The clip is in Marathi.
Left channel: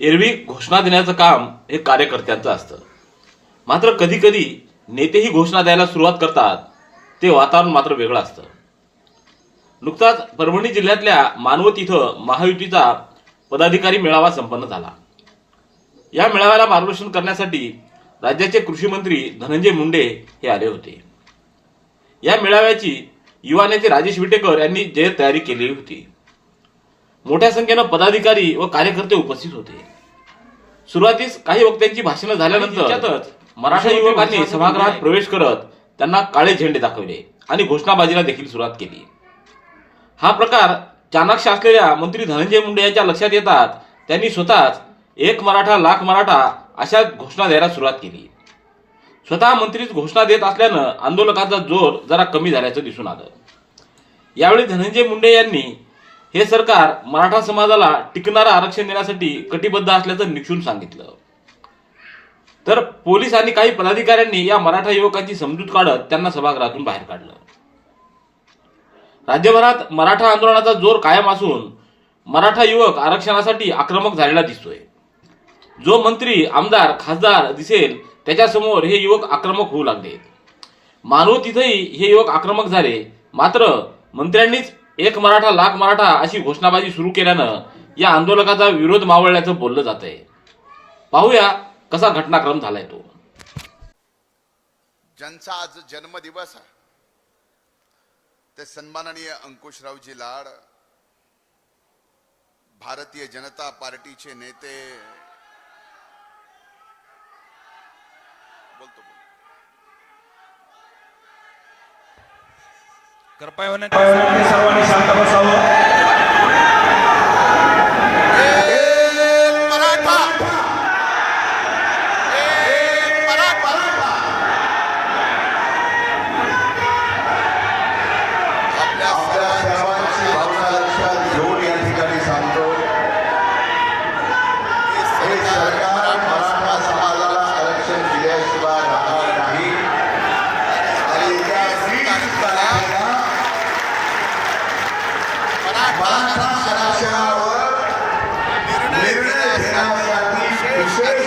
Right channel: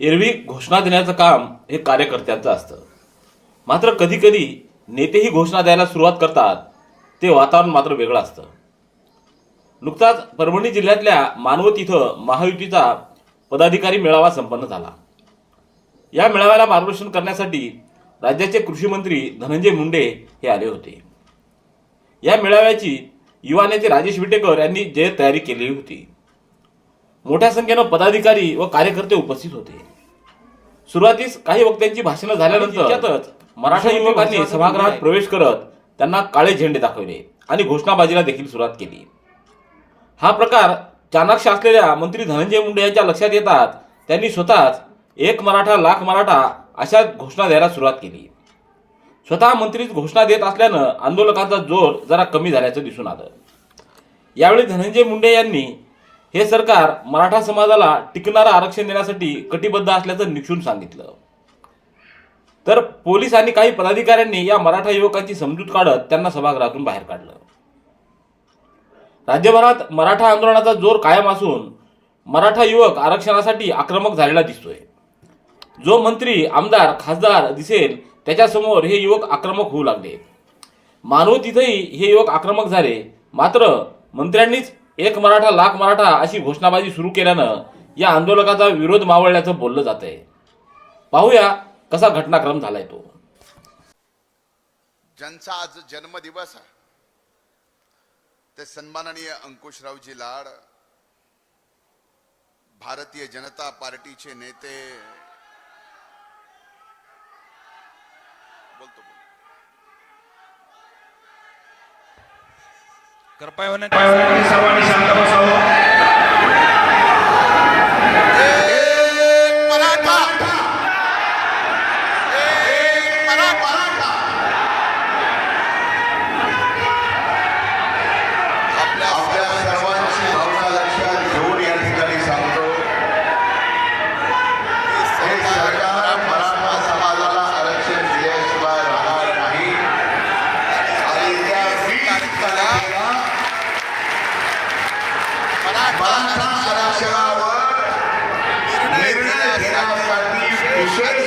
एरवी घोषणा देण्याचं काम हे कार्यकर्त्यांचं असतं. मात्र कधी कधी नेतेही घोषणा द्यायला सुरुवात करतात ते वातावरण मात्र वेगळं असतं. नुकताच परभणी जिल्ह्यातल्या मानवत इथं महायुतीचा पदाधिकारी मेळावा संपन्न झाला. या मेळाव्याला मार्गदर्शन करण्यासाठी राज्याचे कृषी मंत्री धनंजय मुंडे हे आले होते. या मेळाव्याची युवा नेते राजेश विटेकर यांनी जय तयारी केली होती. मोठ्या संख्येनं पदाधिकारी व कार्यकर्ते उपस्थित होते. सुरुवातीस काही वक्त्यांची भाषणं झाल्यानंतर मराठा युवकांनी सभागृहात प्रवेश करत त्यांना काळे झेंडे दाखवले आणि घोषणाबाजीला देखील सुरुवात केली. हा प्रकार चाणाक्ष असलेल्या मंत्री धनंजय मुंडे यांच्या लक्षात येतात त्यांनी स्वतःच एक मराठा लाख मराठा अशा घोषणा द्यायला सुरुवात केली. स्वतः मंत्रीच घोषणा देत असल्यानं आंदोलकाचा जोर जरा कमी झाल्याचं दिसून आलं. यावेळी धनंजय मुंडे यांनी हे सरकार मराठा समाजाला टिकणारं आरक्षण देण्यासाठी कटिबद्ध असल्याचं निक्षून सांगितलं. तर पोलीस आणि काही पदाधिकाऱ्यांनी या मराठा युवकांची समजूत काढत त्यांना सभागृहातून बाहेर काढलं. राज्यभरात मराठा आंदोलनाचा जोर कायम असून मराठा युवक आरक्षणासाठी आक्रमक झालेला दिसतोय. जो मंत्री आमदार खासदार दिसेल त्याच्यासमोर हे युवक आक्रमक होऊ लागले. मानव तिथेही हे युवक आक्रमक झाले. मात्र मंत्र्यांनीच एक मराठा लाख मराठा अशी घोषणाबाजी सुरू केल्यानं या आंदोलकाचा विरोध मावळल्याचं बोललं जात आहे पाहूया कसा घटनाक्रम झालाय तो. ज्यांचा आज जन्मदिवस आहे ते सन्माननीय अंकुशरावजी लाड भारतीय जनता पार्टीचे नेते बोलतो कृपया निर्णय घेण्यासाठी विशेष अधिवेशन या